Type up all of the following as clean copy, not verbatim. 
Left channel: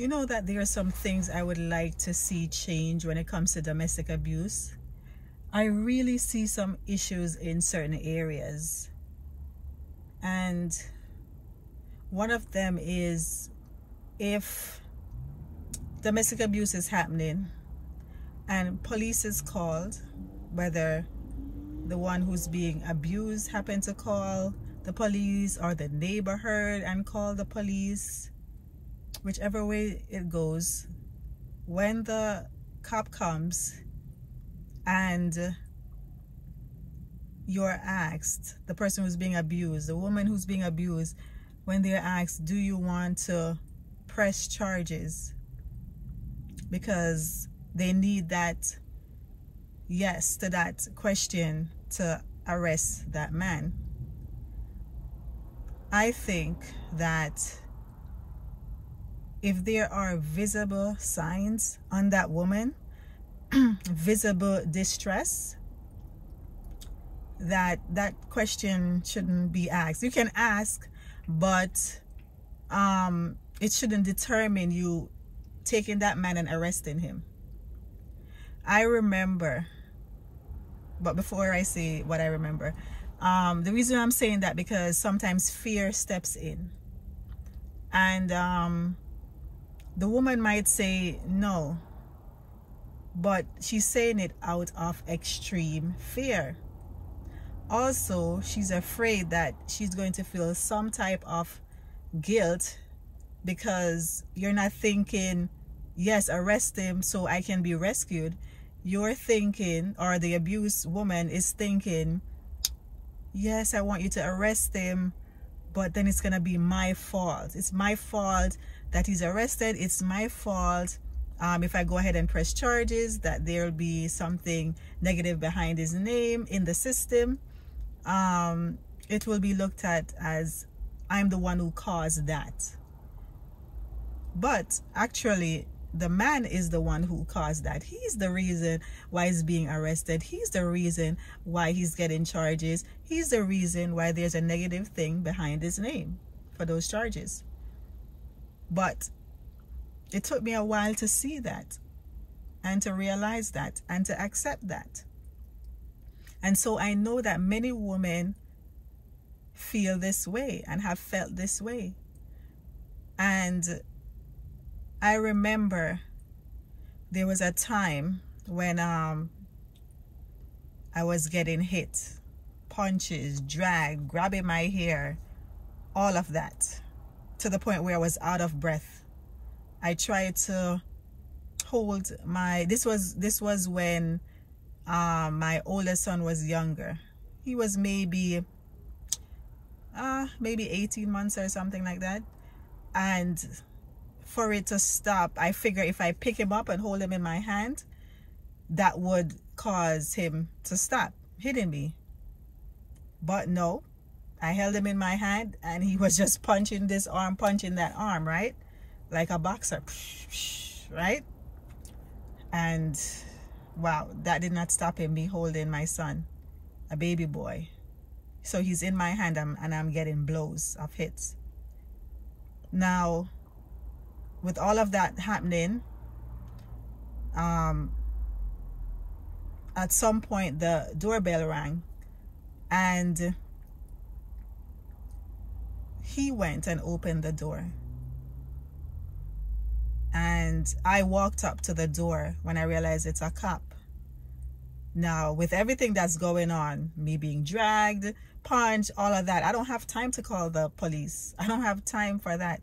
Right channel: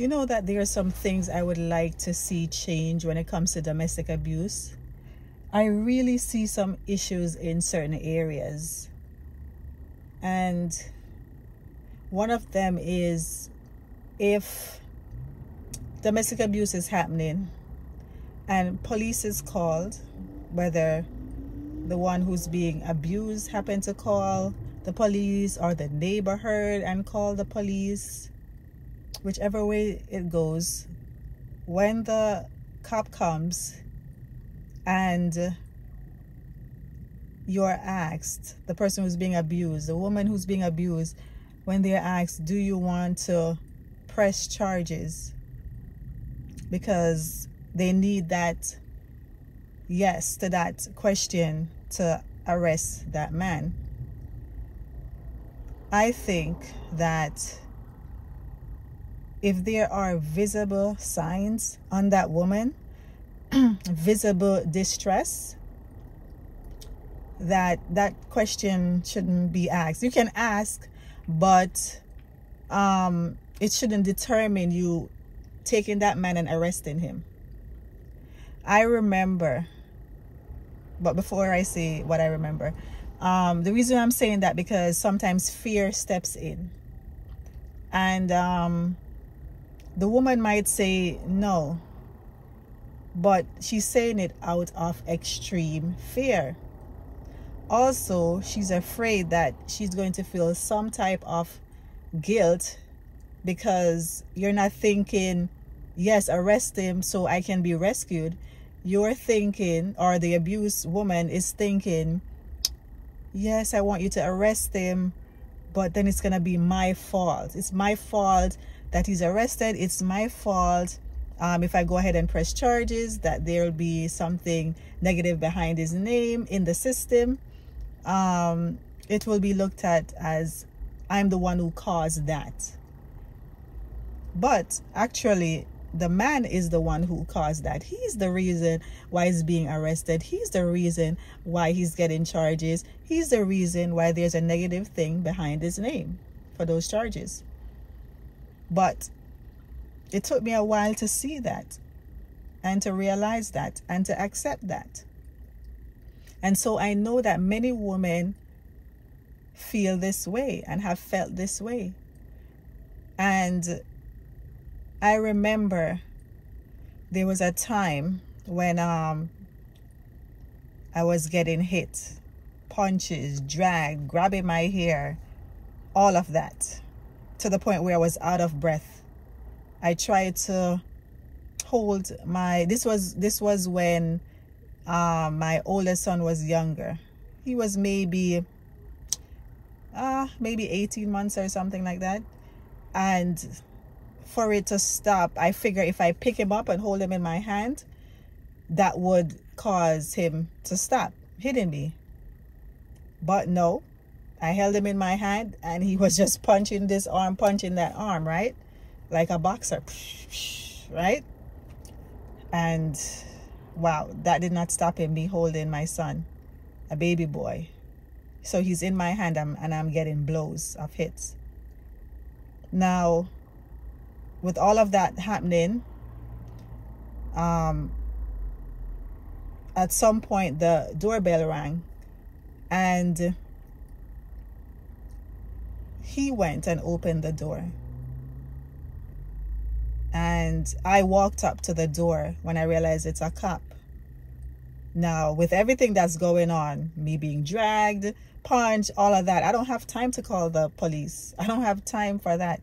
You know that there are some things I would like to see change when it comes to domestic abuse. I really see some issues in certain areas. And one of them is, if domestic abuse is happening and police is called, whether the one who's being abused happened to call the police or the neighbor heard and called the police, whichever way it goes, when the cop comes and you're asked, the person who's being abused, the woman who's being abused, when they're asked, do you want to press charges, because they need that yes to that question to arrest that man. I think that if there are visible signs on that woman, visible distress, that question shouldn't be asked. You can ask, but it shouldn't determine you taking that man and arresting him. I remember, but before I say what I remember, the reason I'm saying that, because sometimes fear steps in, and the woman might say no, but she's saying it out of extreme fear. Also, she's afraid that she's going to feel some type of guilt, because you're not thinking, yes, arrest him so I can be rescued. You're thinking, or the abused woman is thinking, yes, I want you to arrest him, but then it's gonna be my fault. It's my fault that he's arrested. It's my fault if I go ahead and press charges, that there'll be something negative behind his name in the system. It will be looked at as I'm the one who caused that. But actually, the man is the one who caused that. He's the reason why he's being arrested. He's the reason why he's getting charges. He's the reason why there's a negative thing behind his name for those charges. But it took me a while to see that, and to realize that, and to accept that. And so I know that many women feel this way and have felt this way. And I remember there was a time when I was getting hit, punches, drag, grabbing my hair, all of that, to the point where I was out of breath. I tried to hold my, this was when my oldest son was younger. He was maybe 18 months or something like that. And for it to stop, I figure if I pick him up and hold him in my hand, that would cause him to stop hitting me. But no, I held him in my hand and he was just punching this arm, punching that arm, right? Like a boxer, right? And wow, that did not stop him, me holding my son, a baby boy. So he's in my hand and I'm getting blows of hits. Now, with all of that happening, at some point the doorbell rang, and he went and opened the door. And I walked up to the door when I realized it's a cop. Now, with everything that's going on, me being dragged, punched, all of that, I don't have time to call the police. I don't have time for that.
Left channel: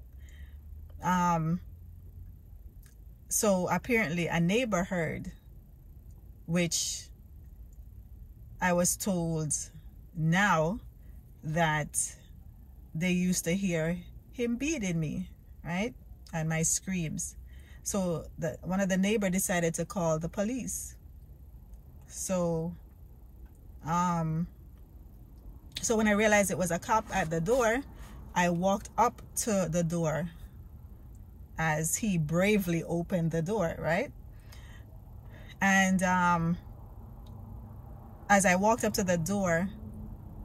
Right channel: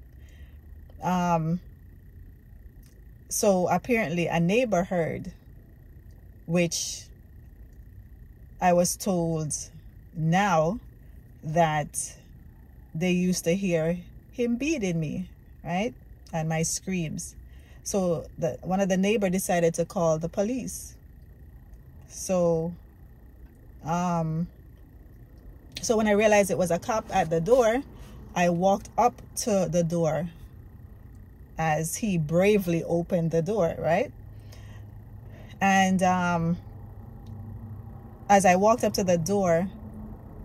So apparently a neighbor heard, which I was told now that they used to hear him beating me, right? And my screams. So one of the neighbors decided to call the police. So when I realized it was a cop at the door, I walked up to the door as he bravely opened the door, right? And as I walked up to the door,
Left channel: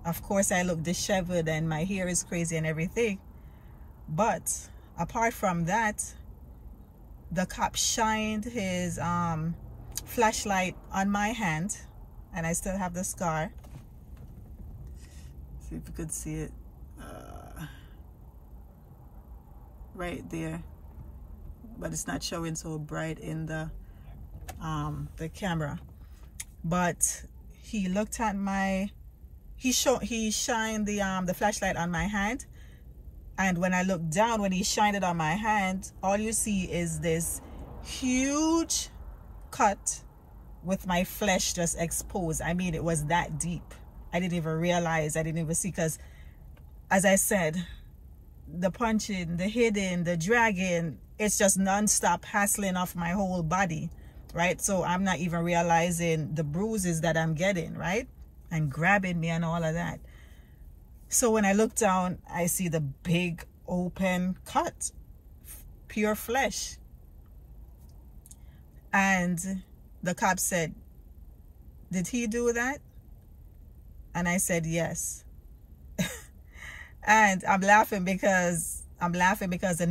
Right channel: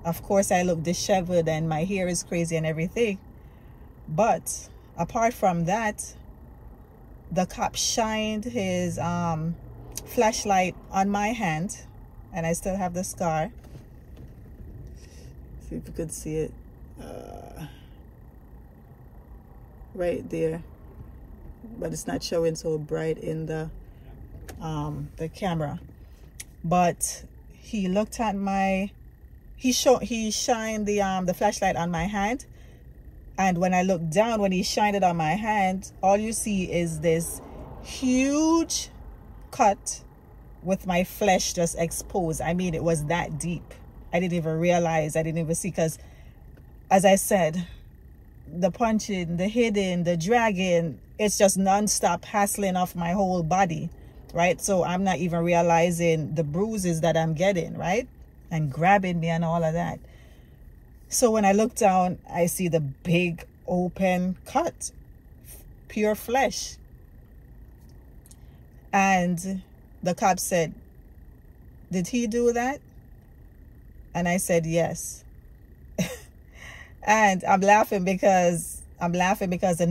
of course I look disheveled and my hair is crazy and everything. But apart from that, the cop shined his flashlight on my hand, and I still have the scar. See if you could see it right there, but it's not showing so bright in the camera. But he looked at my, he shined the flashlight on my hand, and when I looked down, when he shined it on my hand, all you see is this huge cut with my flesh just exposed. I mean, it was that deep. I didn't even realize, I didn't even see, because as I said, the punching, the hitting, the dragging, it's just non-stop hassling off my whole body, right? So I'm not even realizing the bruises that I'm getting, right? And grabbing me and all of that. So when I look down, I see the big open cut, pure flesh. And the cop said, "Did he do that?" And I said, "Yes." And I'm laughing because the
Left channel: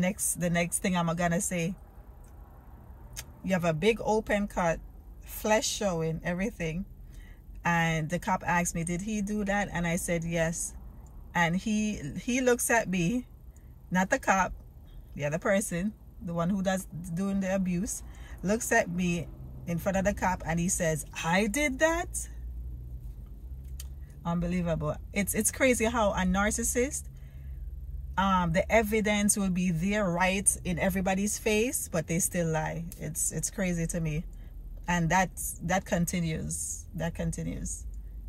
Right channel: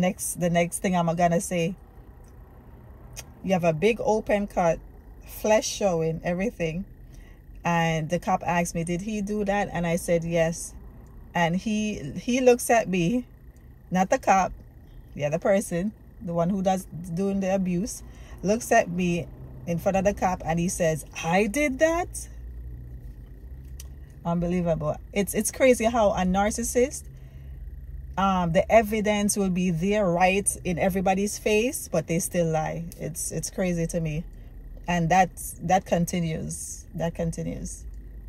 next thing I'm gonna say, you have a big open cut, flesh showing, everything. And the cop asked me, "Did he do that?" And I said, "Yes." And he looks at me, not the cop, the other person, the one who doing the abuse, looks at me in front of the cop, and he says, "I did that?" Unbelievable. It's crazy how a narcissist, the evidence will be there right in everybody's face, but they still lie. It's crazy to me. And that continues.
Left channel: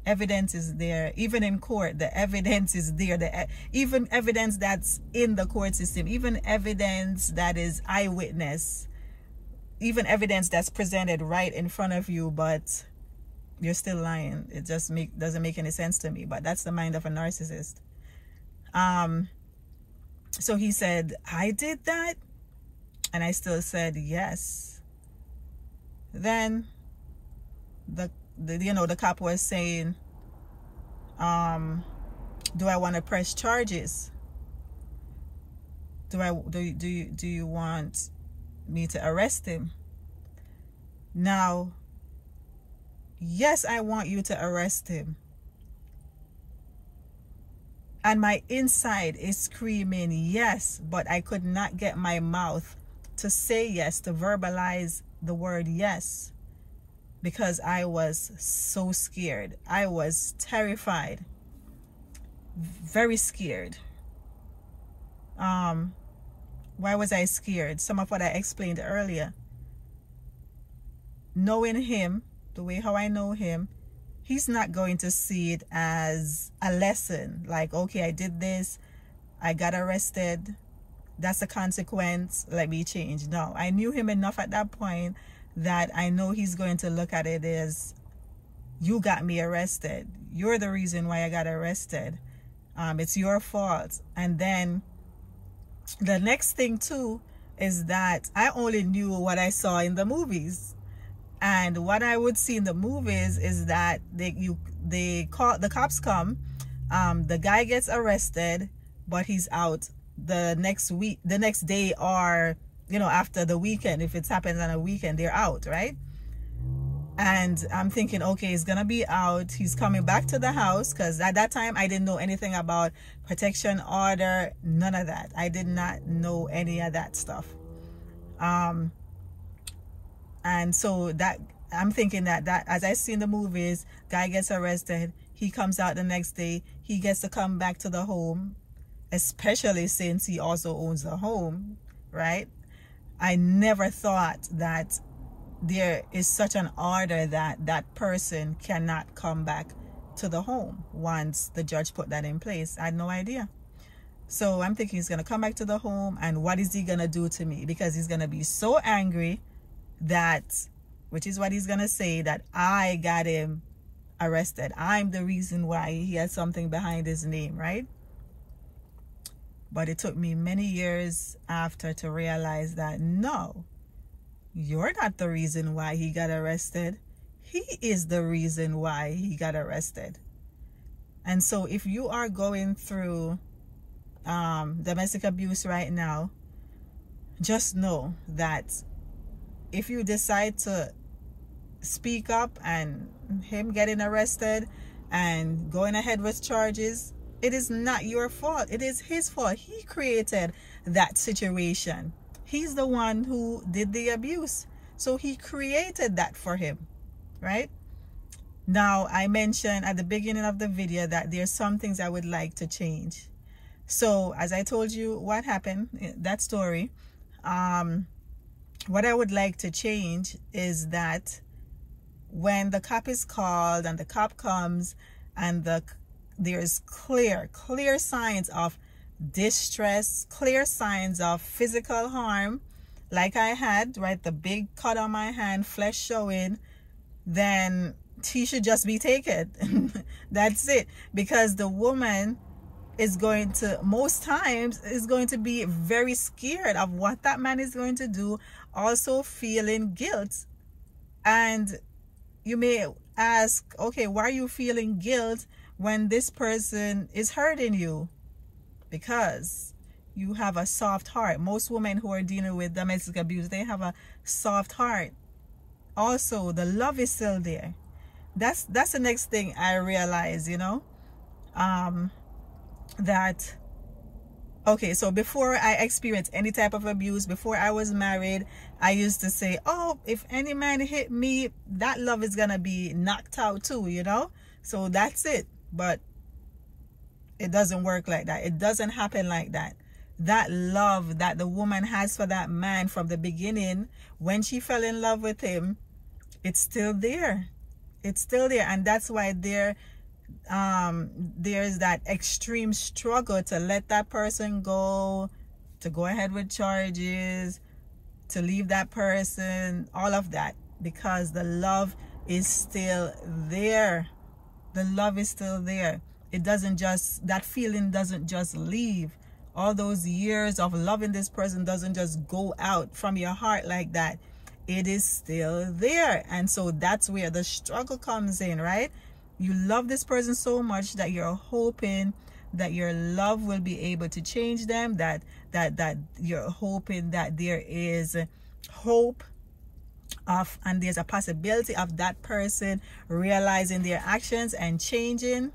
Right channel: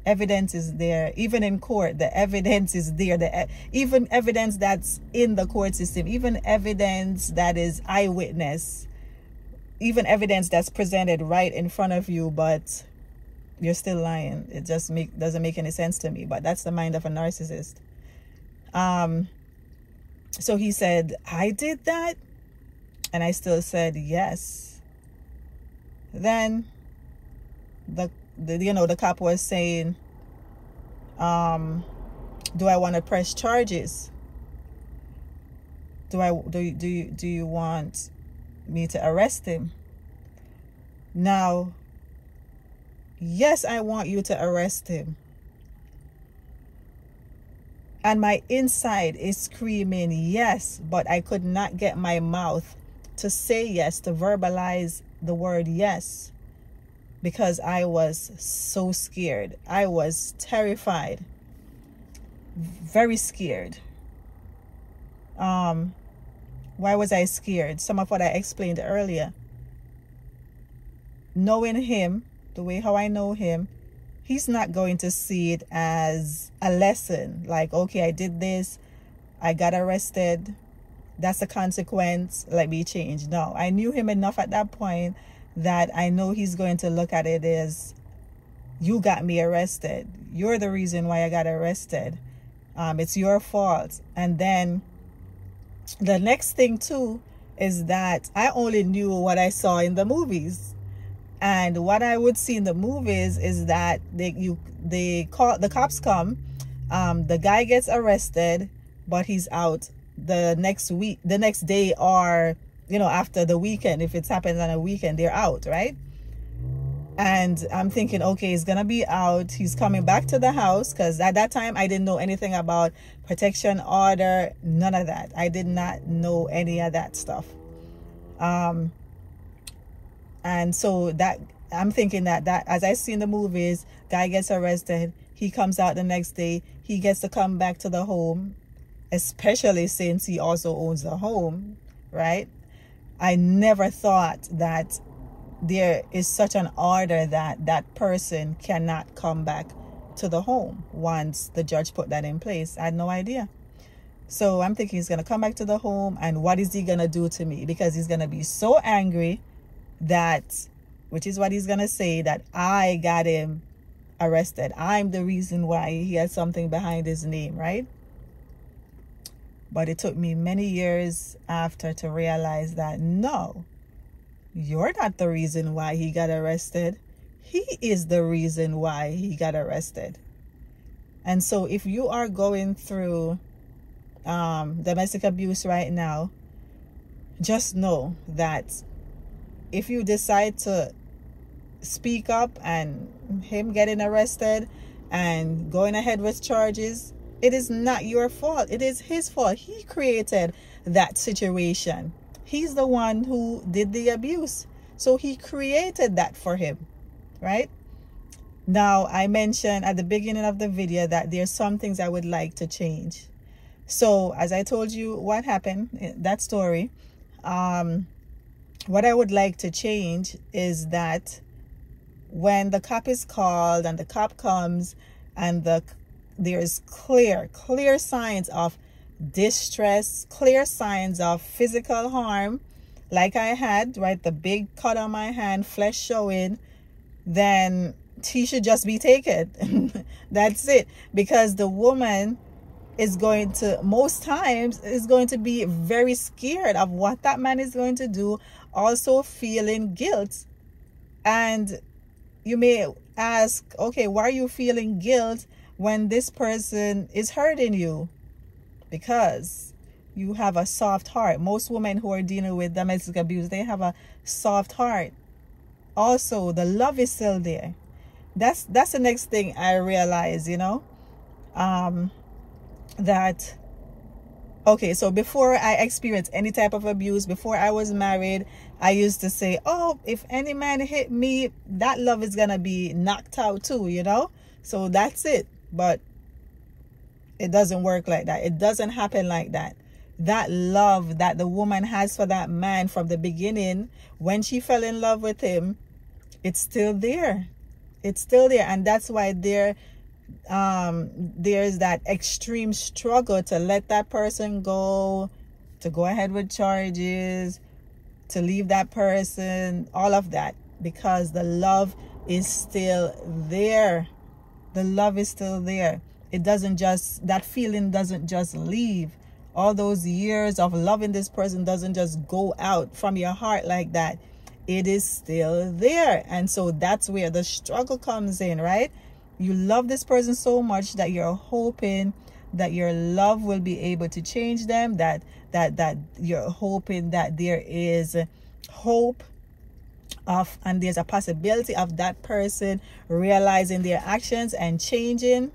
Evidence is there, even in court. The evidence is there. Even evidence that's in the court system, even evidence that is eyewitness, even evidence that's presented right in front of you, but you're still lying. It just doesn't make any sense to me. But that's the mind of a narcissist. So he said, "I did that?" And I still said yes. Then the cop was saying, "Do I want to press charges? Do you want me to arrest him?" Now, yes, I want you to arrest him. And my inside is screaming yes, but I could not get my mouth to say yes, to verbalize the word yes, because I was so scared. I was terrified, very scared. Why was I scared? Some of what I explained earlier. Knowing him, the way how I know him, he's not going to see it as a lesson. Like, okay, I did this, I got arrested, that's a consequence, let me change. No, I knew him enough at that point that I know he's going to look at it as, you got me arrested. You're the reason why I got arrested. It's your fault. And then the next thing too is that I only knew what I saw in the movies. And what I would see in the movies is that the cops come, the guy gets arrested, but he's out the next day, or after the weekend. If it happens on a weekend, they're out, right? And I'm thinking, okay, he's gonna be out, he's coming back to the house, because at that time I didn't know anything about protection order, none of that. I did not know any of that stuff. And so that I'm thinking that as I see in the movies, guy gets arrested, he comes out the next day, he gets to come back to the home, especially since he also owns the home, right? I never thought that there is such an order that that person cannot come back to the home once the judge put that in place. I had no idea. So I'm thinking he's going to come back to the home, and what is he going to do to me? Because he's going to be so angry that, which is what he's going to say, that I got him arrested. I'm the reason why he has something behind his name, right? But it took me many years after to realize that, no, you're not the reason why he got arrested. He is the reason why he got arrested. And so if you are going through domestic abuse right now, just know that if you decide to speak up and him getting arrested and going ahead with charges, it is not your fault. It is his fault. He created that situation. He's the one who did the abuse. So he created that for him, right? Now, I mentioned at the beginning of the video that there's some things I would like to change. So as I told you what happened, that story, what I would like to change is that when the cop is called and the cop comes and there's clear signs of distress, clear signs of physical harm, like I had, right, the big cut on my hand, flesh showing, then he should just be taken. That's it. Because the woman is going to, most times, is going to be very scared of what that man is going to do, also feeling guilt. And you may ask, okay, why are you feeling guilt when this person is hurting you? Because you have a soft heart. Most women who are dealing with domestic abuse, they have a soft heart. Also, the love is still there. That's the next thing I realized, you know, that, okay, so before I experienced any type of abuse, before I was married, I used to say, oh, if any man hit me, that love is gonna be knocked out too, you know. So that's it. But it doesn't work like that. It doesn't happen like that. That love that the woman has for that man from the beginning, when she fell in love with him, it's still there. It's still there. And that's why there's that extreme struggle to let that person go, to go ahead with charges, to leave that person, all of that, because the love is still there. The love is still there. It doesn't just, that feeling doesn't just leave. All those years of loving this person doesn't just go out from your heart like that. It is still there. And so that's where the struggle comes in, right? You love this person so much that you're hoping that your love will be able to change them, that you're hoping that there is hope of, and there's a possibility of that person realizing their actions and changing.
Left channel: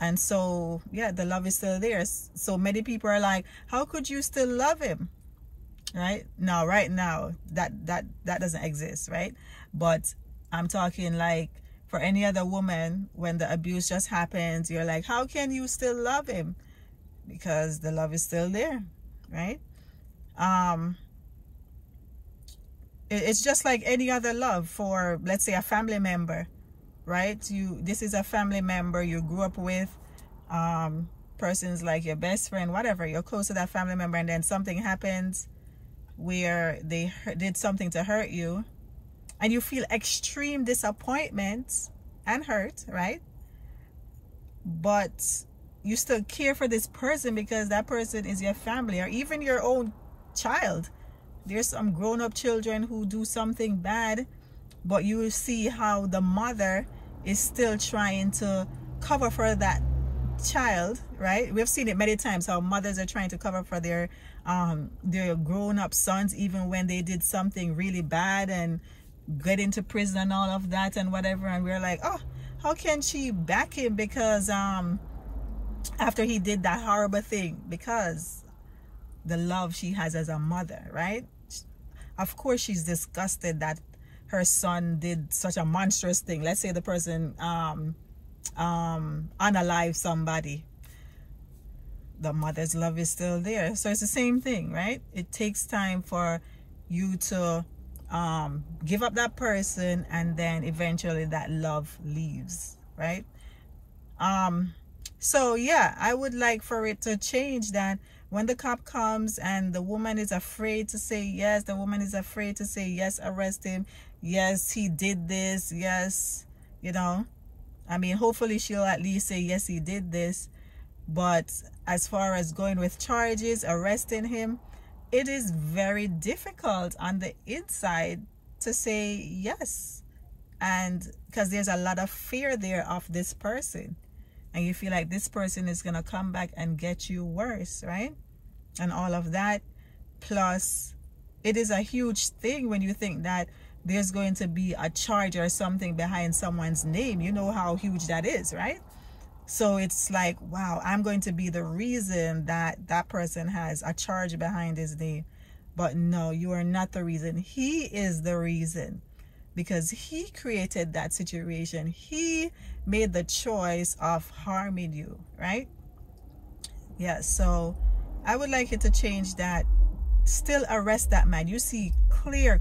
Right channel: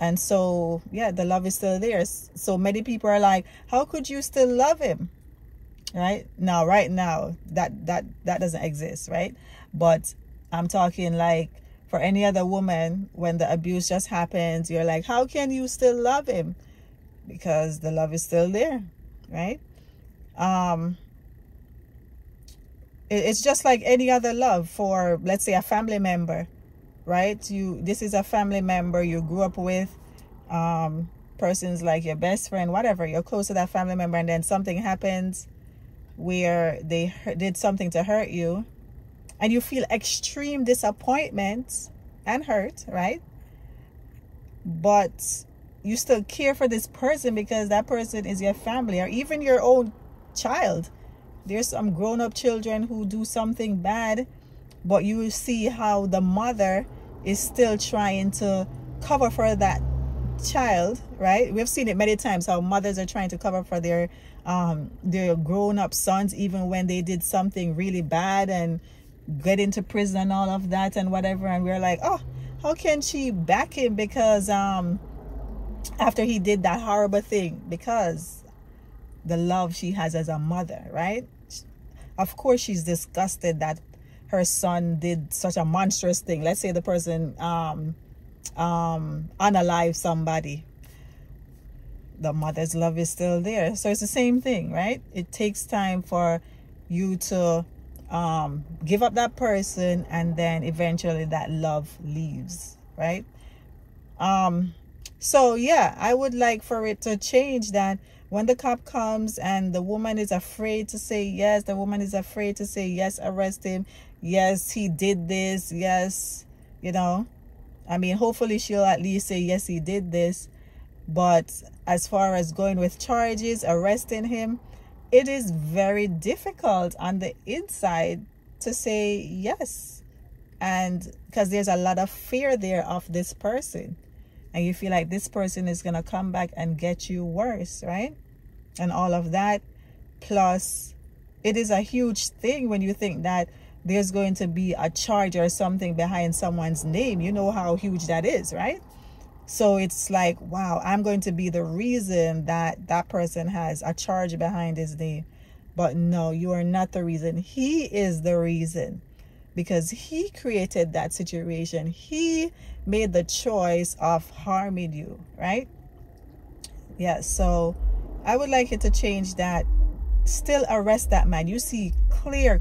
And so, yeah, the love is still there. So many people are like, how could you still love him? Right now, that doesn't exist, right? But I'm talking like for any other woman, when the abuse just happens, you're like, how can you still love him? Because the love is still there, right? It's just like any other love for, let's say, a family member, right? This is a family member you grew up with, persons like your best friend, whatever, you're close to that family member, and then something happens where they did something to hurt you, and you feel extreme disappointment and hurt, right? But you still care for this person because that person is your family, or even your own child. There's some grown-up children who do something bad, but you will see how the mother is still trying to cover for that child, right? We've seen it many times, how mothers are trying to cover for their grown-up sons, even when they did something really bad and get into prison and all of that and whatever. And we're like, oh, how can she back him? Because after he did that horrible thing, because the love she has as a mother, right? Of course she's disgusted that her son did such a monstrous thing. Let's say the person unalive somebody. The mother's love is still there. So it's the same thing, right? It takes time for you to give up that person, and then eventually that love leaves, right? So yeah, I would like for it to change, that when the cop comes and the woman is afraid to say yes, the woman is afraid to say yes, arrest him, yes, he did this, yes, you know, I mean, hopefully she'll at least say yes, he did this. But as far as going with charges, arresting him, it is very difficult on the inside to say yes. And because there's a lot of fear there of this person, and you feel like this person is going to come back and get you worse, right? And all of that, plus it is a huge thing when you think that there's going to be a charge or something behind someone's name. You know how huge that is, right? So it's like, wow, I'm going to be the reason that that person has a charge behind his name. But no, you are not the reason. He is the reason, because he created that situation. He made the choice of harming you, right? Yeah, so I would like it to change that. Still arrest that man. You see clear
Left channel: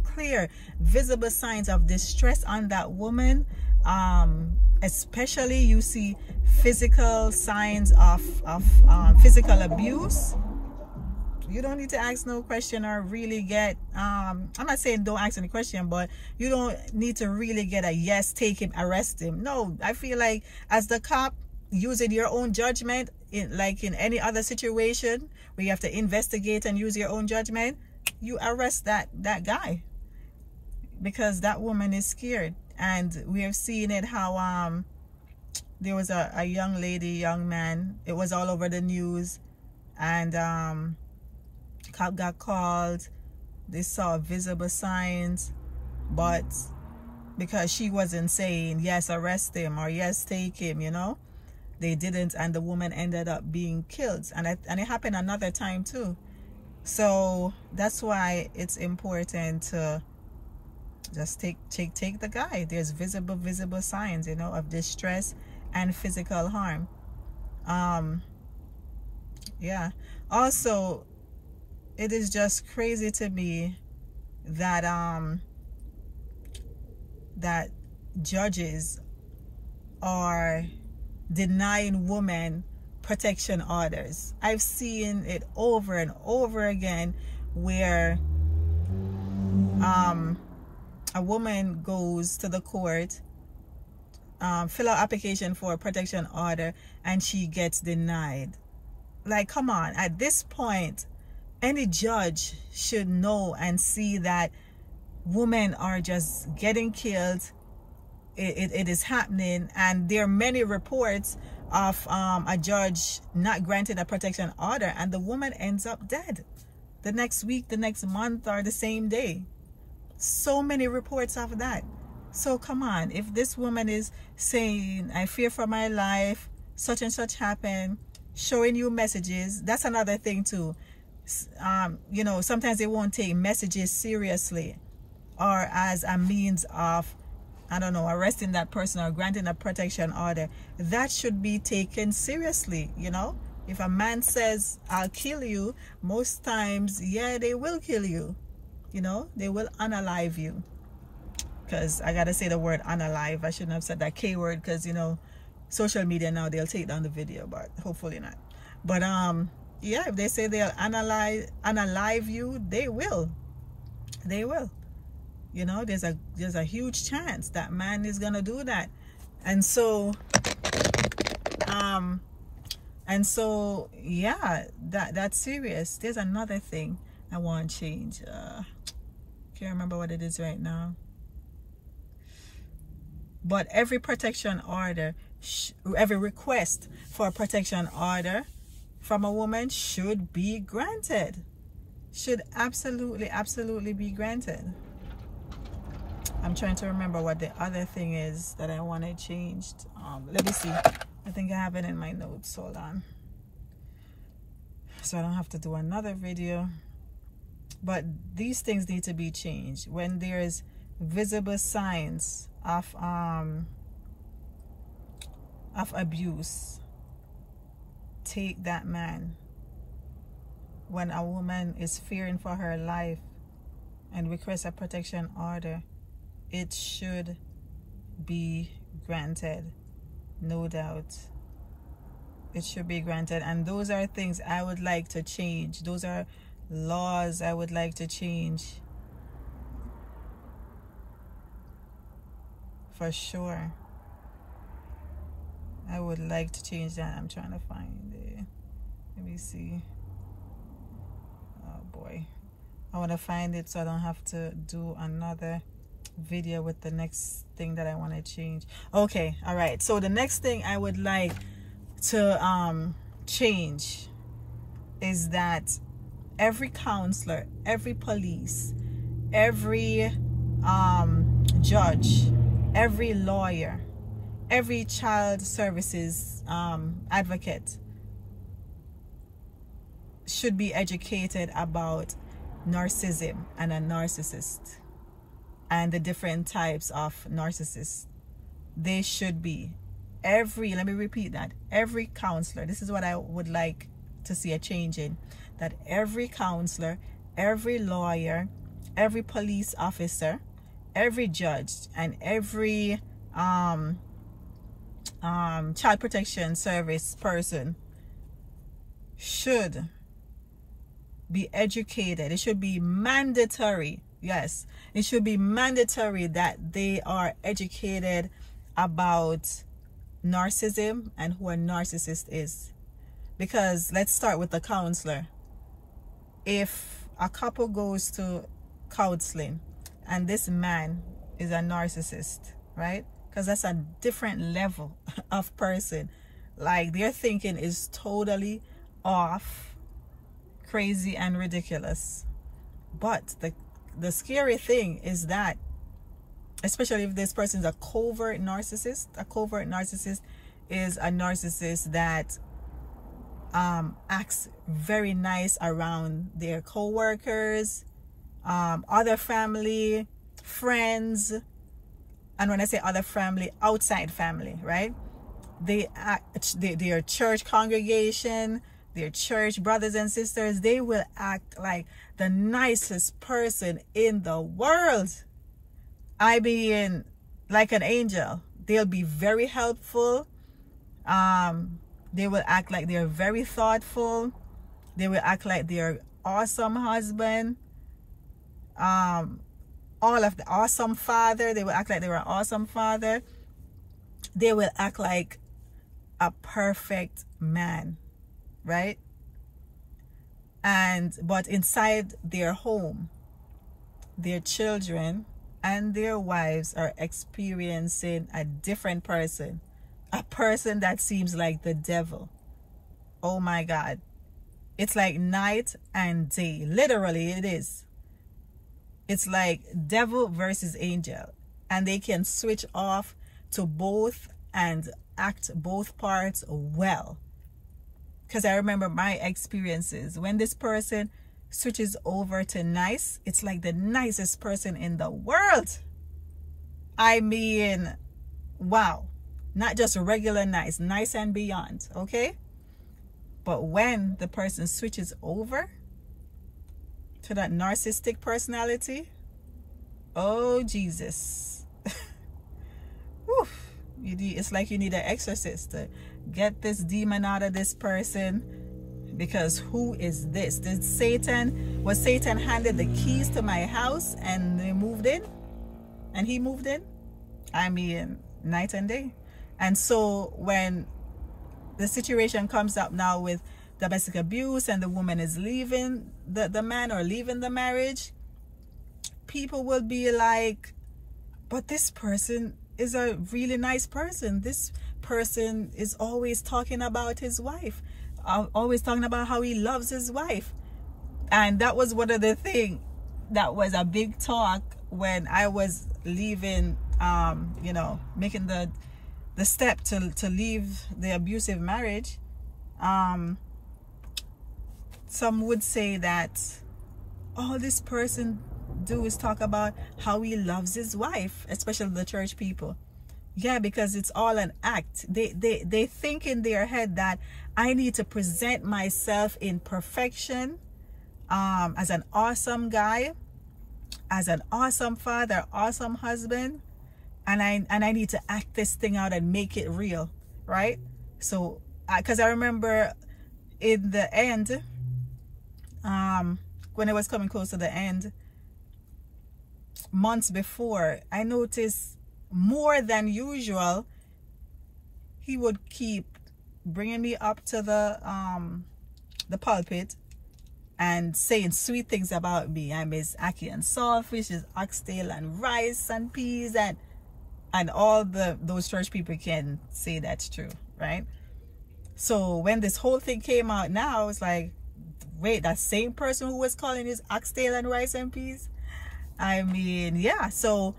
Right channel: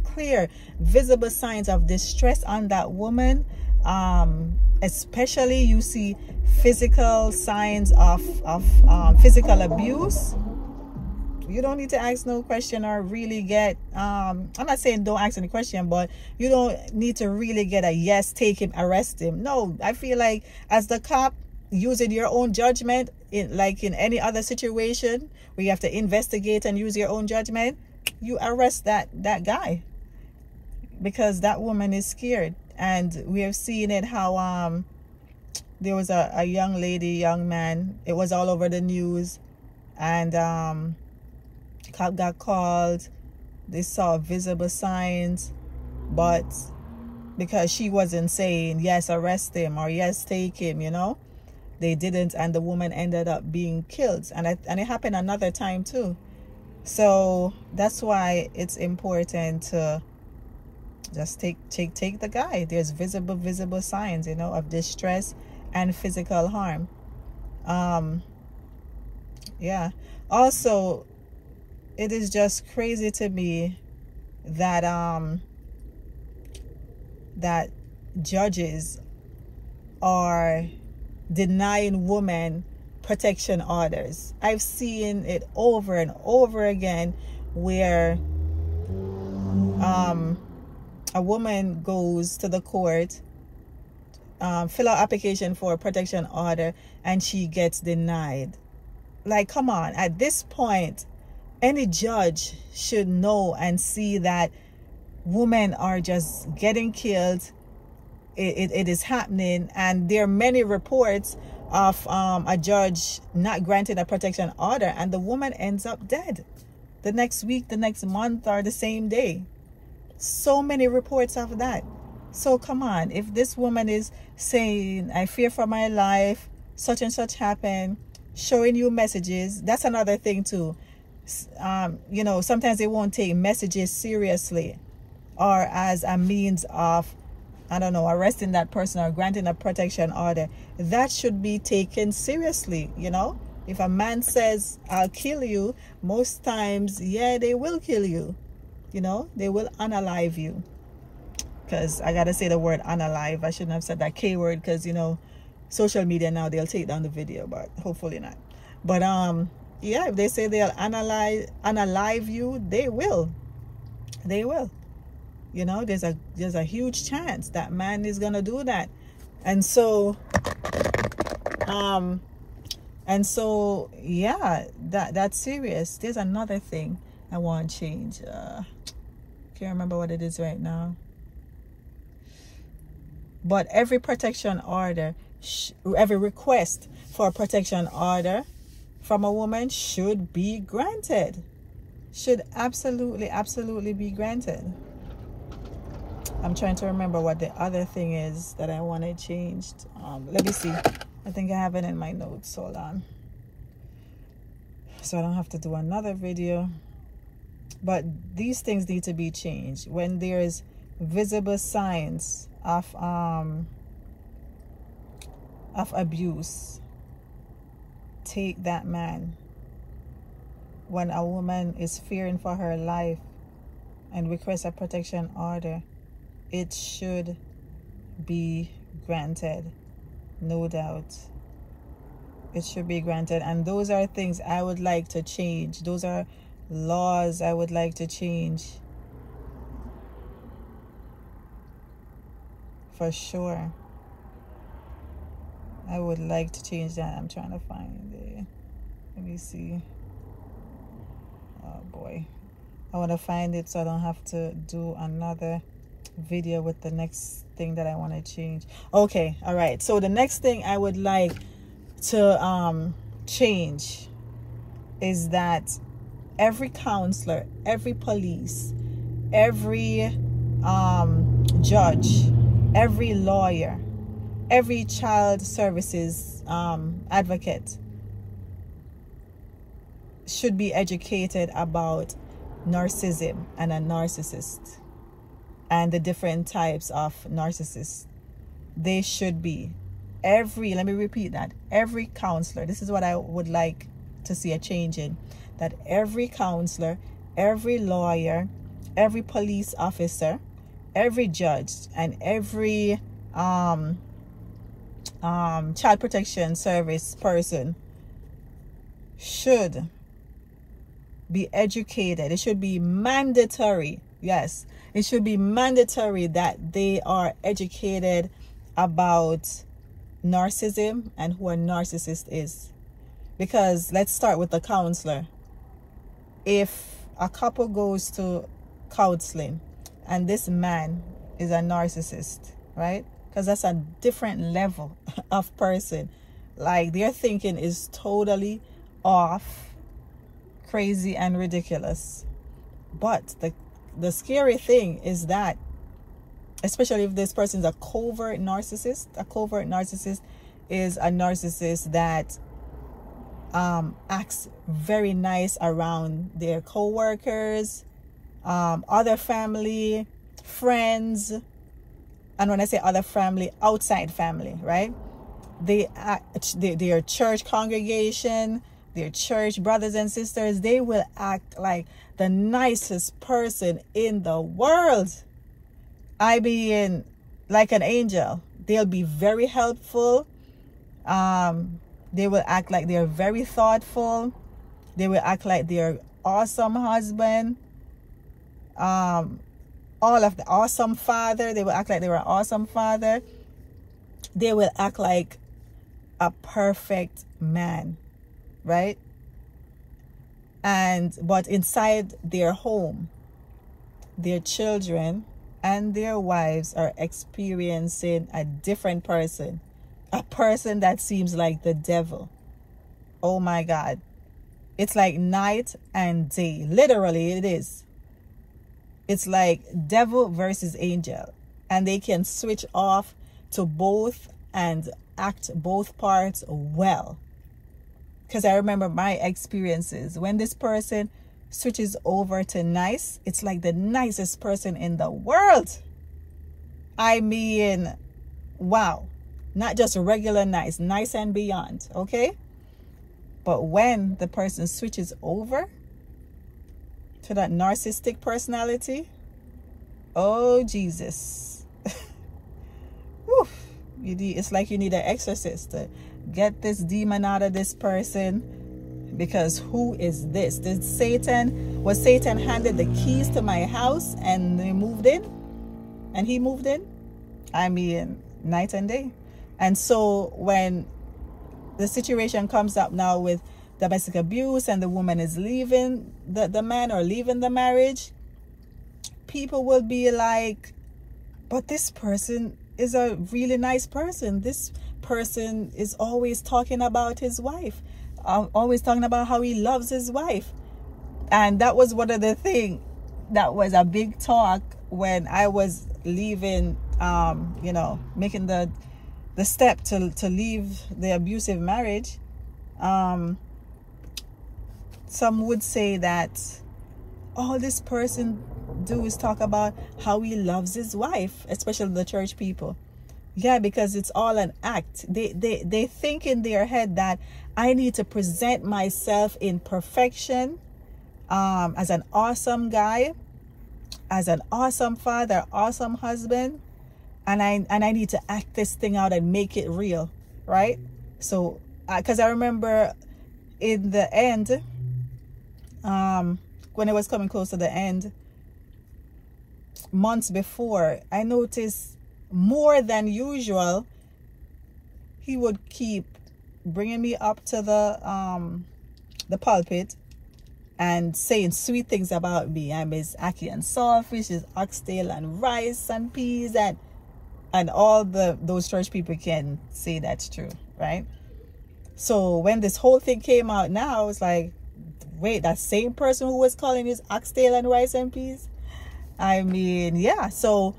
visible signs of distress on that woman. Especially you see physical signs of physical abuse. You don't need to ask no question or really get I'm not saying don't ask any question, but you don't need to really get a yes, take him, arrest him. No, I feel like as the cop, using your own judgment, like in any other situation where you have to investigate and use your own judgment, you arrest that guy, because that woman is scared. And we have seen it how there was a young lady, young man, it was all over the news, and cop got called. They saw visible signs, but because she wasn't saying yes, arrest him, or yes, take him, you know, they didn't, and the woman ended up being killed. And it happened another time too. So that's why it's important to just take the guy. There's visible signs, you know, of distress and physical harm. Yeah, also it is just crazy to me that that judges are denying women protection orders. I've seen it over and over again where a woman goes to the court, fill out application for a protection order, and she gets denied. Like, come on, at this point any judge should know and see that women are just getting killed. It is happening, and there are many reports of a judge not granting a protection order and the woman ends up dead the next week, the next month, or the same day. So many reports of that. So come on, if this woman is saying, I fear for my life, such and such happened, showing you messages, that's another thing too. You know, sometimes they won't take messages seriously or as a means of, I don't know, arresting that person or granting a protection order. That should be taken seriously, you know. If a man says, I'll kill you, most times, yeah, they will kill you. You know, they will unalive you. Because I gotta say the word unalive. I shouldn't have said that K word, because, you know, social media now, they'll take down the video, but hopefully not. But yeah, if they say they'll unalive you, they will. They will. You know, there's a huge chance that man is gonna do that. And so yeah, that's serious. There's another thing I want to change. Can't remember what it is right now. But every protection order, every request for a protection order from a woman should be granted. Should absolutely be granted. I'm trying to remember what the other thing is that I wanted changed. Let me see. I think I have it in my notes. Hold on. So I don't have to do another video. But these things need to be changed. When there's visible signs of abuse, take that man. When a woman is fearing for her life and requests a protection order, it should be granted, no doubt. It should be granted. And those are things I would like to change. Those are laws I would like to change, for sure. I would like to change that. I'm trying to find it. Let me see. Oh boy, I want to find it so I don't have to do another video with the next thing that I want to change. Okay, all right. So the next thing I would like to change is that every counselor, every police, every judge, every lawyer, every child services advocate should be educated about narcissism and a narcissist and the different types of narcissists. They should be. Let me repeat that, every counselor, this is what I would like to see a change in, that every counselor, every lawyer, every police officer, every judge, and every child protection service person should be educated. It should be mandatory. Yes, it should be mandatory that they are educated about narcissism and who a narcissist is. Because let's start with the counselor. If a couple goes to counseling and this man is a narcissist, right? Because that's a different level of person. Like, their thinking is totally off, crazy, and ridiculous. But the scary thing is that, especially if this person is a covert narcissist is a narcissist that acts very nice around their co-workers, other family, friends. And when I say other family, outside family, right? Their church congregation, their church brothers and sisters, they will act like the nicest person in the world. I mean, like an angel. They'll be very helpful. They will act like they're very thoughtful. They will act like they're awesome husband. All of the awesome father. They will act like they were an awesome father. They will act like a perfect man, right? But inside their home, their children and their wives are experiencing a different person, a person that seems like the devil. Oh my God. It's like night and day. Literally, it is. It's like devil versus angel. And they can switch off to both and act both parts well. Because I remember my experiences. When this person switches over to nice, it's like the nicest person in the world. I mean, wow. Not just regular nice, nice and beyond, okay? But when the person switches over to that narcissistic personality, oh Jesus. It's like you need an exorcist to get this demon out of this person. Because who is this? Was Satan handed the keys to my house and he moved in? And he moved in? I mean, night and day. And so when the situation comes up now with domestic abuse and the woman is leaving the man or leaving the marriage, people will be like, but this person is a really nice person. This person is always talking about his wife, always talking about how he loves his wife. And that was one of the things that was a big talk when I was leaving, you know, making the step to leave the abusive marriage. Some would say that all this person do is talk about how he loves his wife, especially the church people. Yeah, because it's all an act. They think in their head that I need to present myself in perfection, as an awesome guy, as an awesome father, awesome husband, and I need to act this thing out and make it real, right? So, because I remember in the end, when it was coming close to the end, months before, I noticed more than usual, he would keep bringing me up to the pulpit and saying sweet things about me. I miss ackee and saltfish, is oxtail and rice and peas, and all those church people can say that's true, right? So when this whole thing came out now, it's like, wait, that same person who was calling his oxtail and rice and peas? I mean, yeah. So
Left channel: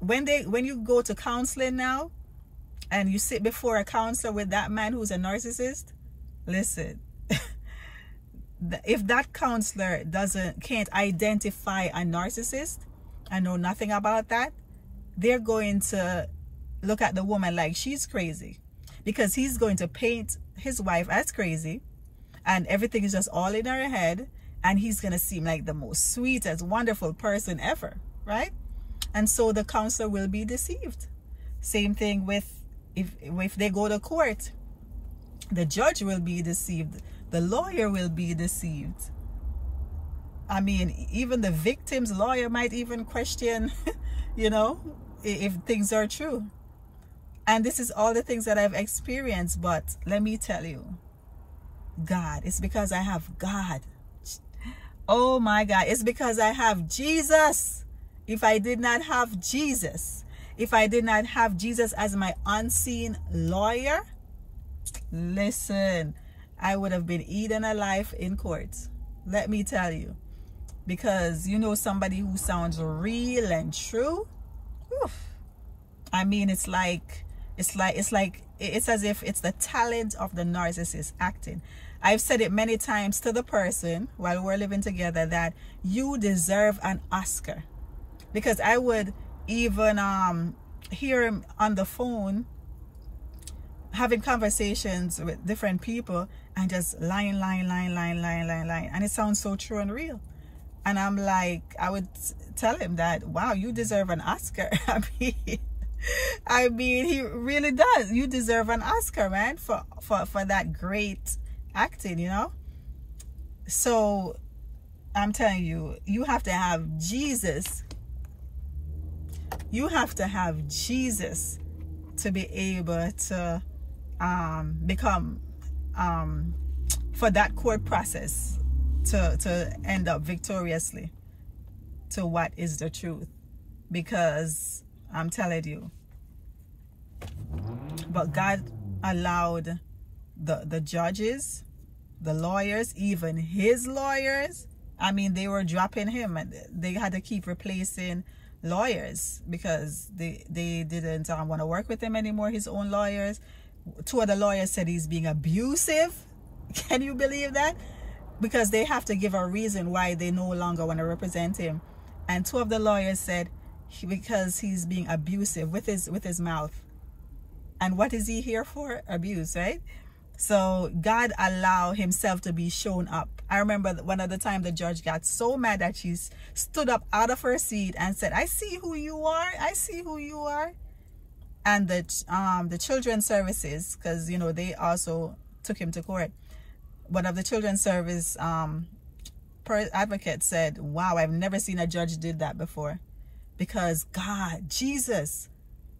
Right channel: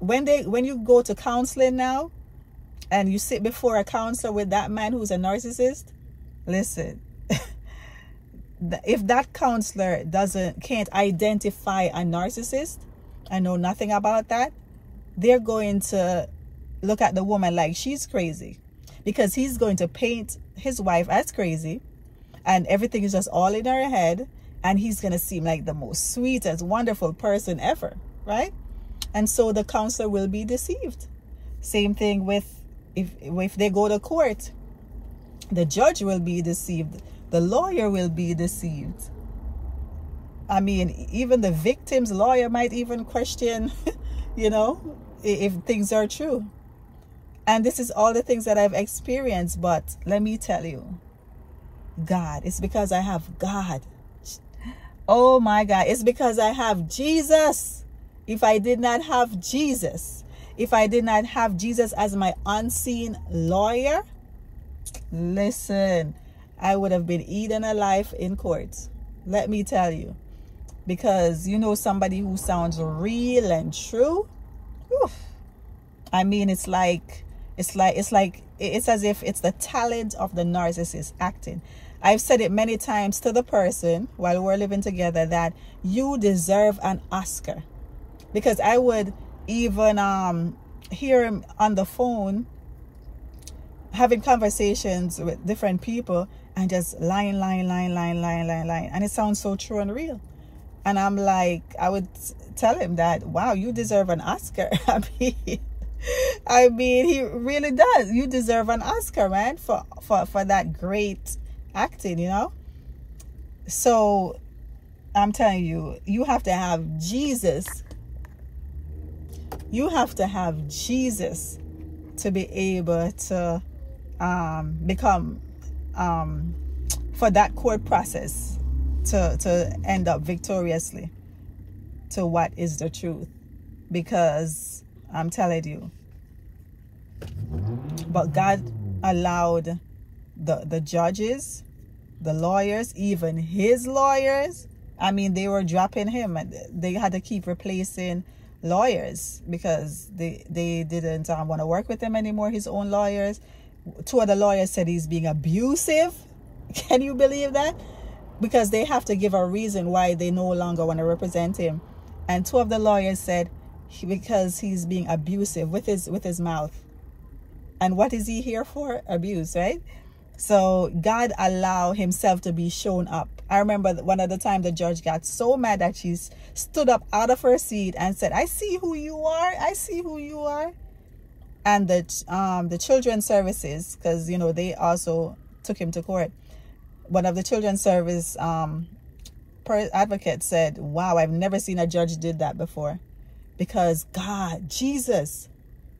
when you go to counseling now and you sit before a counselor with that man who's a narcissist, listen, if that counselor can't identify a narcissist and know nothing about that, they're going to look at the woman like she's crazy, because he's going to paint his wife as crazy and everything is just all in her head, and he's going to seem like the most sweetest, wonderful person ever, right? And so the counselor will be deceived. Same thing with if they go to court, the judge will be deceived. The lawyer will be deceived. I mean, even the victim's lawyer might even question, you know, if things are true. And this is all the things that I've experienced. But let me tell you, God, it's because I have God. Oh my God, it's because I have Jesus. If I did not have Jesus, if I did not have Jesus as my unseen lawyer, listen, I would have been eaten alive in court. Let me tell you. Because you know somebody who sounds real and true. Oof. I mean, it's as if it's the talent of the narcissist acting. I've said it many times to the person while we're living together that you deserve an Oscar. Because I would even hear him on the phone having conversations with different people and just lying. And it sounds so true and real. And I'm like, I would tell him that, wow, you deserve an Oscar. I mean, he really does. You deserve an Oscar, man, for that great acting, you know? So I'm telling you, you have to have Jesus. You have to have Jesus to be able to become, for that court process to end up victoriously to what is the truth. Because I'm telling you, but God allowed the judges, the lawyers, even his lawyers, I mean, they were dropping him, and they had to keep replacing lawyers because they didn't want to work with him anymore, his own lawyers. 2 of the lawyers said he's being abusive. Can you believe that? Because they have to give a reason why they no longer want to represent him. And 2 of the lawyers said because he's being abusive with his mouth. And what is he here for? Abuse, right? So God allowed himself to be shown up. I remember one of the time the judge got so mad that she stood up out of her seat and said, I see who you are. I see who you are. And the children's services, because, you know, they also took him to court. One of the children's service advocates said, wow, I've never seen a judge did that before. Because God, Jesus,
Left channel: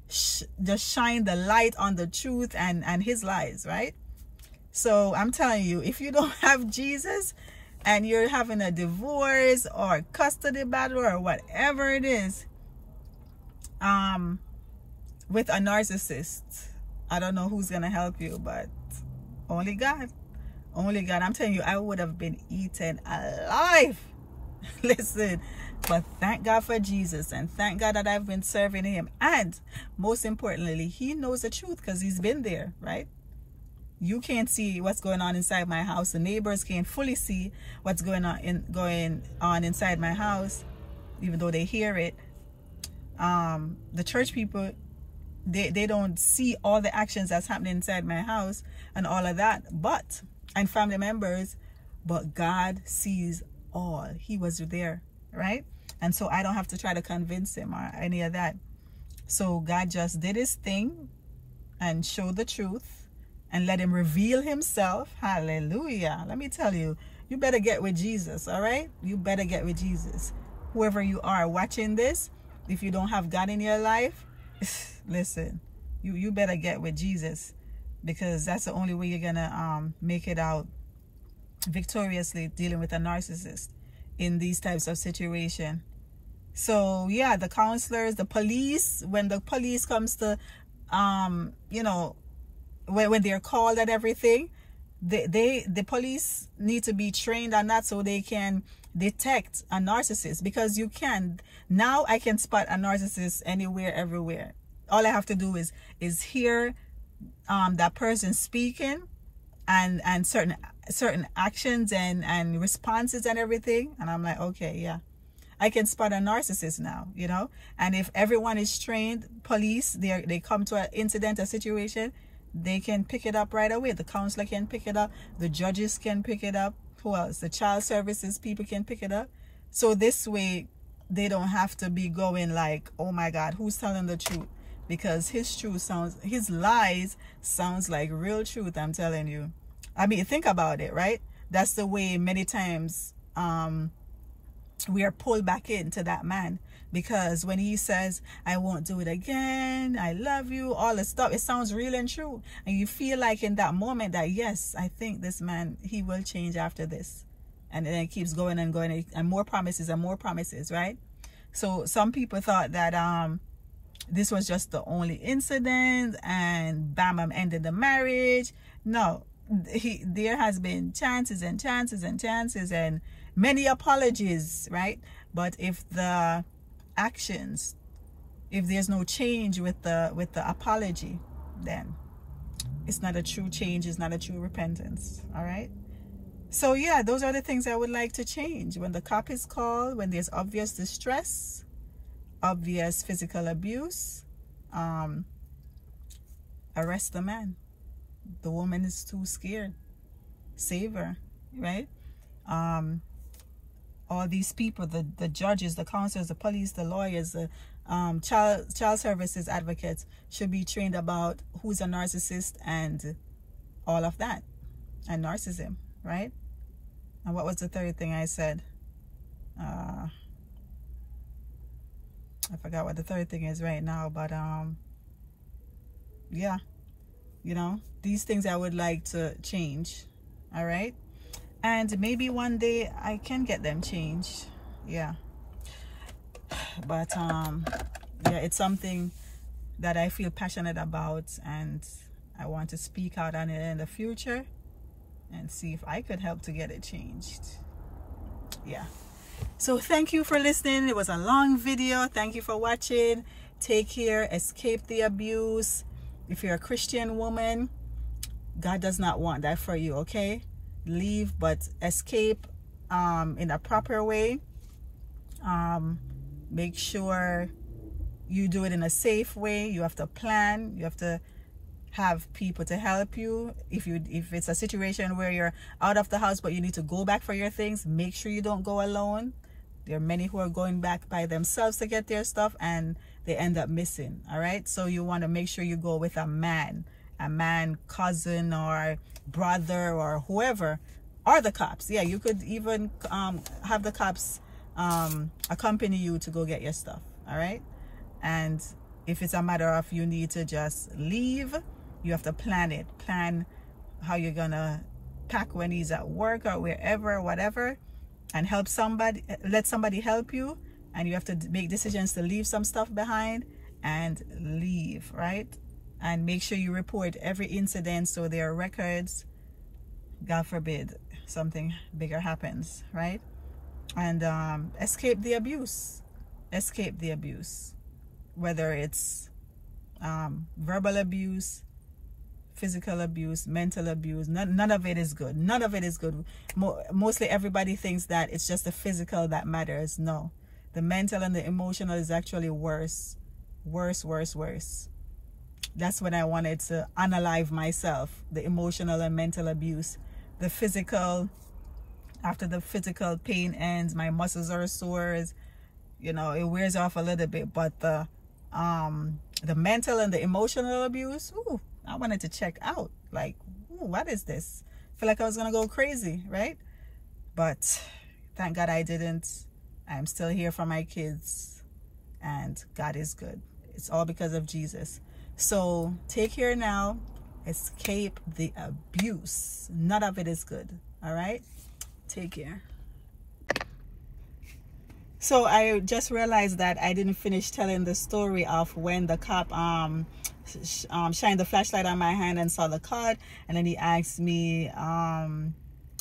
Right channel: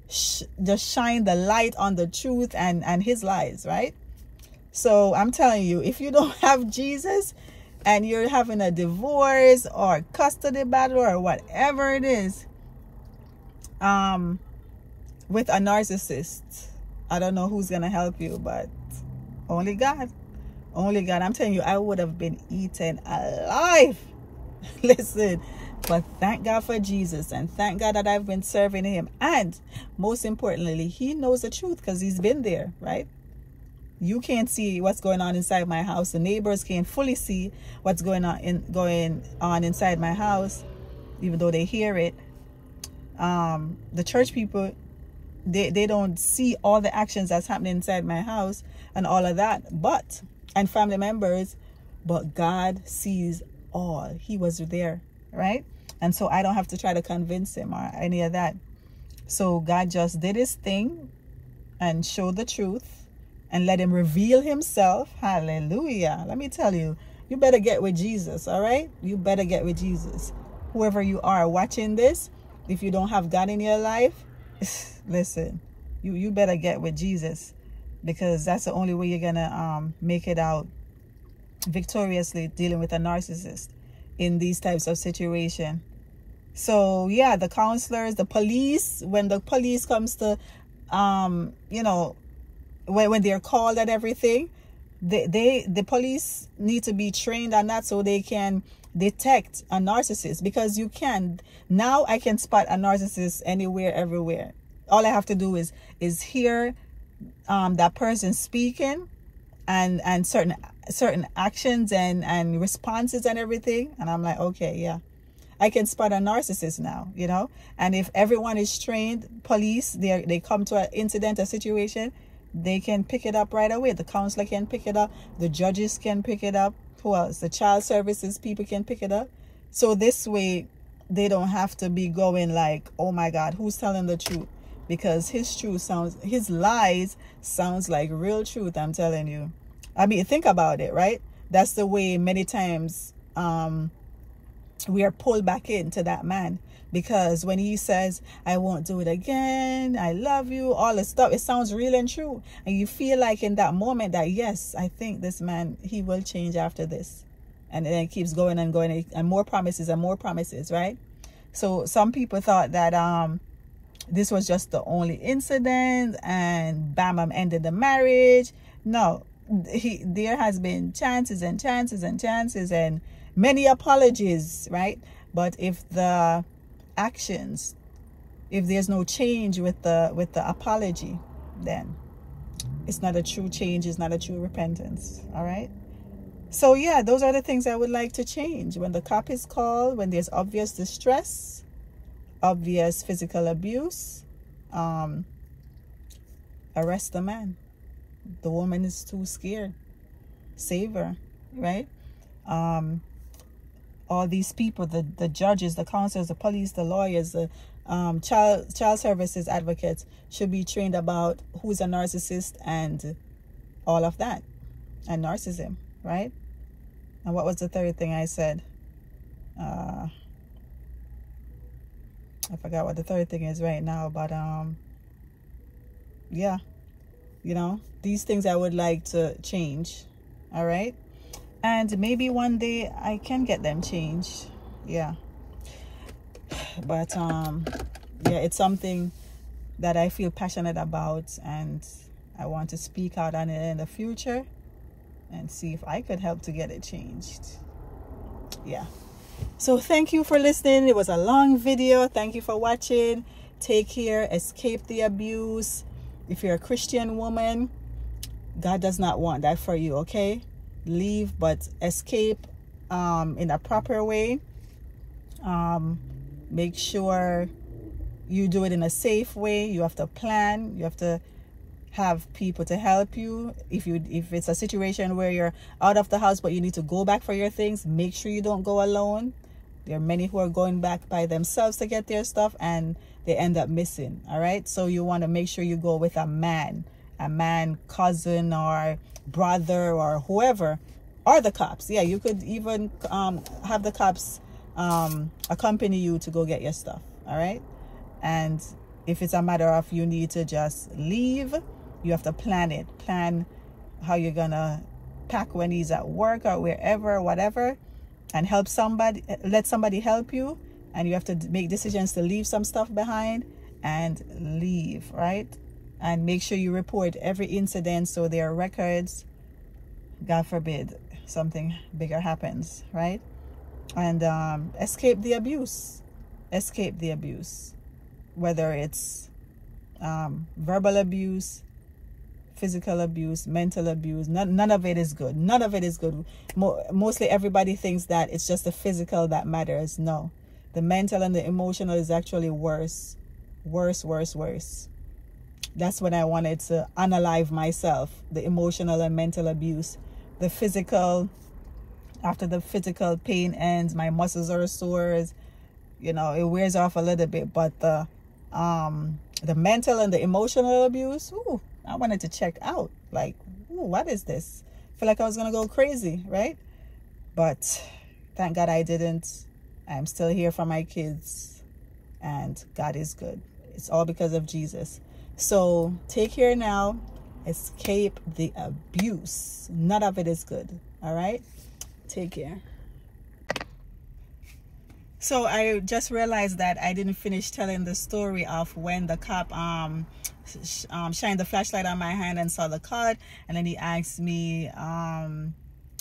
just shine the light on the truth and his lies, right? So I'm telling you, if you don't have Jesus and you're having a divorce or custody battle or whatever it is, with a narcissist, I don't know who's gonna help you, but only God. Only God. I'm telling you, I would have been eaten alive. Listen, but thank God for Jesus, and thank God that I've been serving him. And most importantly, he knows the truth because he's been there, right? You can't see what's going on inside my house. The neighbors can't fully see what's going on inside my house, even though they hear it. The church people, they don't see all the actions that's happening inside my house and all of that, and family members, but God sees all. He was there, right? And so I don't have to try to convince him or any of that. So God just did his thing and showed the truth and let him reveal himself. Hallelujah. Let me tell you, you better get with Jesus, all right? You better get with Jesus. Whoever you are watching this, if you don't have God in your life, listen, you better get with Jesus, because that's the only way you're gonna make it out victoriously dealing with a narcissist in these types of situation. So yeah, the counselors, the police, when the police comes to you know, when they're called and everything, The police need to be trained on that so they can detect a narcissist, because you can. Now I can spot a narcissist anywhere, everywhere. All I have to do is hear that person speaking and certain actions and responses and everything, and I'm like, okay, yeah, I can spot a narcissist now, you know. And if everyone is trained, police, they come to an incident, a situation, they can pick it up right away. The counselor can pick it up, the judges can pick it up, who else? The child services people can pick it up. So this way they don't have to be going like, oh my God, who's telling the truth? Because his lies sounds like real truth, I'm telling you. I mean, think about it, right? That's the way many times we are pulled back into that man. Because when he says, I won't do it again, I love you, all this stuff, it sounds real and true. And you feel like in that moment that, yes, I think this man, he will change after this. And then it keeps going and going, and more promises, right? So some people thought that this was just the only incident and bam, ended the marriage. No, there has been chances and chances and chances and many apologies, right? But if the actions, if there's no change with the apology, then it's not a true change, it's not a true repentance. All right, so yeah, those are the things I would like to change. When the cop is called, when there's obvious distress, obvious physical abuse, arrest the man. The woman is too scared, save her, right? All these people, the judges, the counselors, the police, the lawyers, the child services advocates should be trained about who's a narcissist and all of that, and narcissism, right? And what was the third thing I said? I forgot what the third thing is right now, but yeah, you know, these things I would like to change. All right, and maybe one day I can get them changed. Yeah, but yeah, it's something that I feel passionate about, and I want to speak out on it in the future and see if I could help to get it changed. Yeah, so thank you for listening. It was a long video. Thank you for watching. Take care. Escape the abuse. If you're a Christian woman, God does not want that for you, okay? Leave, but escape in a proper way. Make sure you do it in a safe way. You have to plan. You have to have people to help you. If it's a situation where you're out of the house but you need to go back for your things, make sure you don't go alone. There are many who are going back by themselves to get their stuff and they end up missing. All right, so you want to make sure you go with a man, cousin or brother or whoever, or the cops. Yeah, you could even have the cops accompany you to go get your stuff. All right, and if it's a matter of you need to just leave, you have to plan it. Plan how you're gonna pack when he's at work or wherever, whatever, and help somebody, let somebody help you. And you have to make decisions to leave some stuff behind and leave, right? And make sure you report every incident so there are records. God forbid something bigger happens, right? And escape the abuse. Escape the abuse. Whether it's verbal abuse, physical abuse, mental abuse, none of it is good. None of it is good. Mostly everybody thinks that it's just the physical that matters. No. The mental and the emotional is actually worse. Worse. That's when I wanted to unalive myself. The emotional and mental abuse. The physical, after the physical pain ends, my muscles are sore. You know, it wears off a little bit. But the mental and the emotional abuse, ooh, I wanted to check out. Like, ooh, what is this? I feel like I was going to go crazy, right? But thank God I didn't. I'm still here for my kids, and God is good. It's all because of Jesus. So take care now. Escape the abuse. None of it is good. All right? Take care. So I just realized that I didn't finish telling the story of when the cop shined the flashlight on my hand and saw the card. And then he asked me,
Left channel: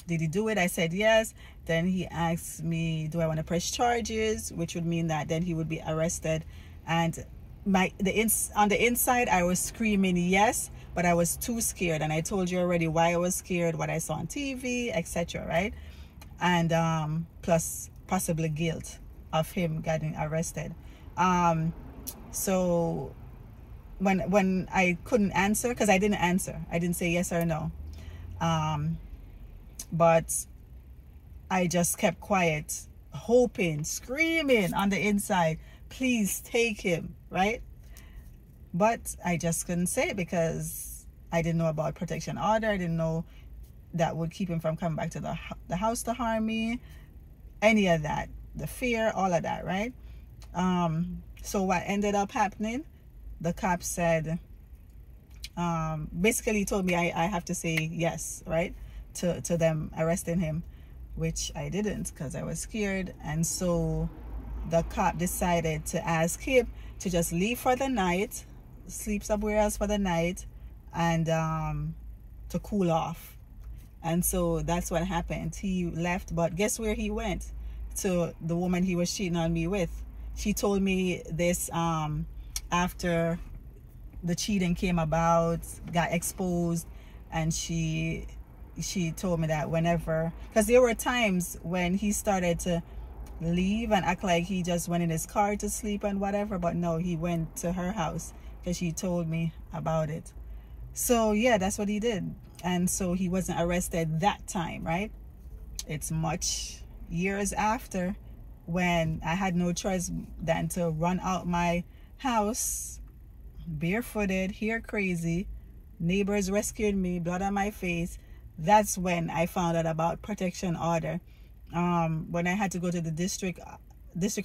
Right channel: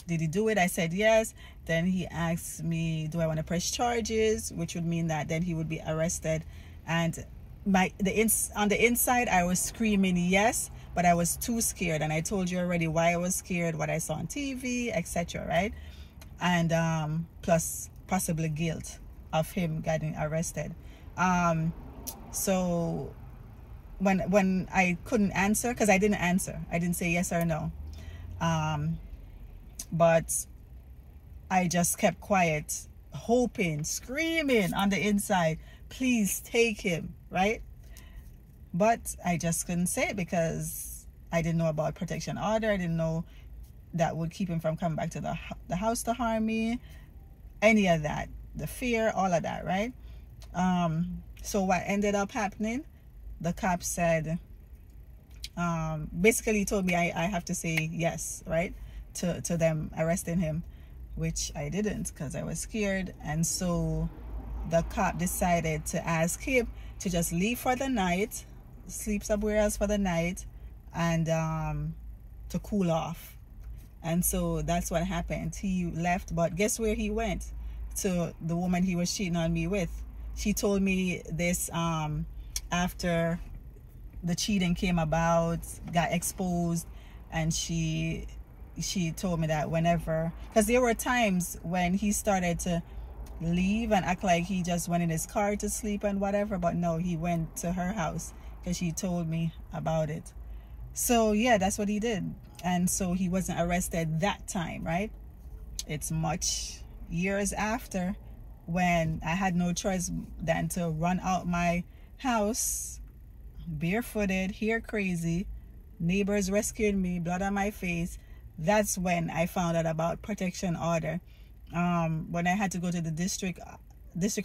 did he do it? I said yes. Then he asked me, do I want to press charges, which would mean that then he would be arrested. And on the inside I was screaming yes, but I was too scared, and I told you already why I was scared, what I saw on TV, etc., right? And plus possibly guilt of him getting arrested. So when I couldn't answer, because I didn't answer, I didn't say yes or no, but I just kept quiet, hoping, screaming on the inside, please take him, right? But I just couldn't say it because I didn't know about protection order. I didn't know that would keep him from coming back to the house to harm me, any of that, the fear, all of that, right? So what ended up happening, the cop said, basically told me I have to say yes, right, to them arresting him, which I didn't because I was scared. And so the cop decided to ask him to just leave for the night, sleep somewhere else for the night, and to cool off. And so that's what happened. He left, but guess where he went? To the woman he was cheating on me with. She told me this after the cheating came about, got exposed, and she told me that whenever, because there were times when he started to leave and act like he just went in his car to sleep and whatever, but no, he went to her house because she told me about it. So yeah, that's what he did. And so he wasn't arrested that time, right? It's much years after, when I had no choice than to run out my house barefooted, hair crazy, neighbors rescued me, blood on my face. That's when I found out about protection order. When I had to go to the district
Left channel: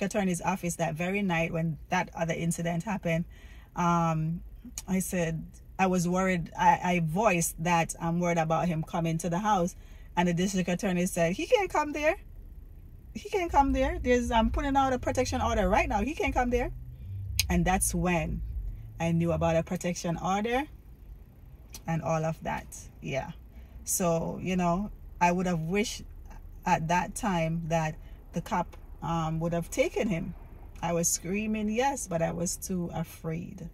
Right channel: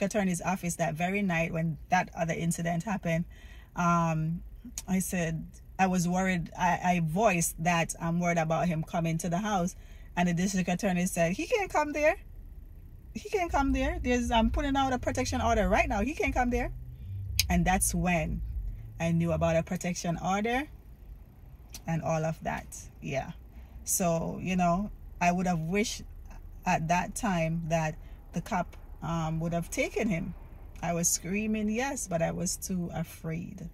attorney's office that very night when that other incident happened, I said I was worried. I voiced that I'm worried about him coming to the house, and the district attorney said he can't come there. He can't come there. I'm putting out a protection order right now. He can't come there. And that's when I knew about a protection order and all of that. Yeah. So, you know, I would have wished at that time that the cop would have taken him. I was screaming yes, but I was too afraid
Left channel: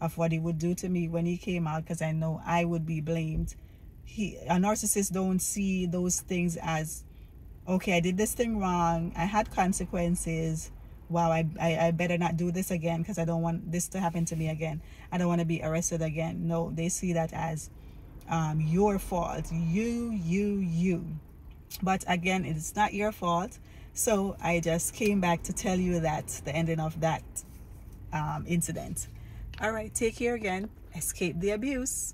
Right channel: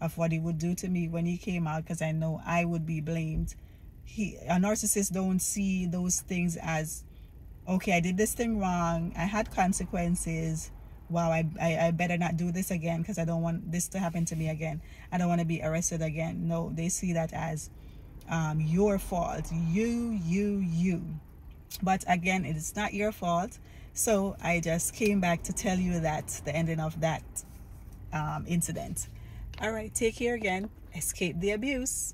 of what he would do to me when he came out, because I know I would be blamed. A narcissist don't see those things as, okay, I did this thing wrong, I had consequences, wow, I better not do this again because I don't want this to happen to me again. I don't want to be arrested again. No, they see that as your fault, you. But again, it's not your fault. So I just came back to tell you that, the ending of that incident. All right, take care again. Escape the abuse.